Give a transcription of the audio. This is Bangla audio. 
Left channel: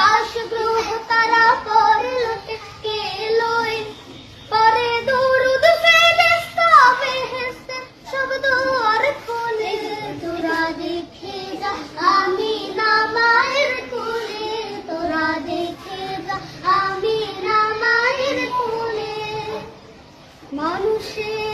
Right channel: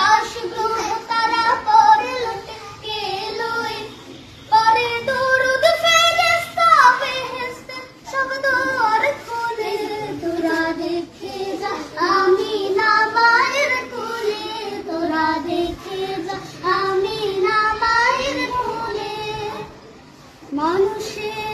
আকাশ গ্রহ তারা পরে লুটে কে লই পরে দরুদ ফেরেশতা বেহেশতে সব দুয়ার খোলে তোরা দেখে যা আমিনা মায়ের কোলে তোরা দেখে যা আমিনা মায়ের কোলে মানুষের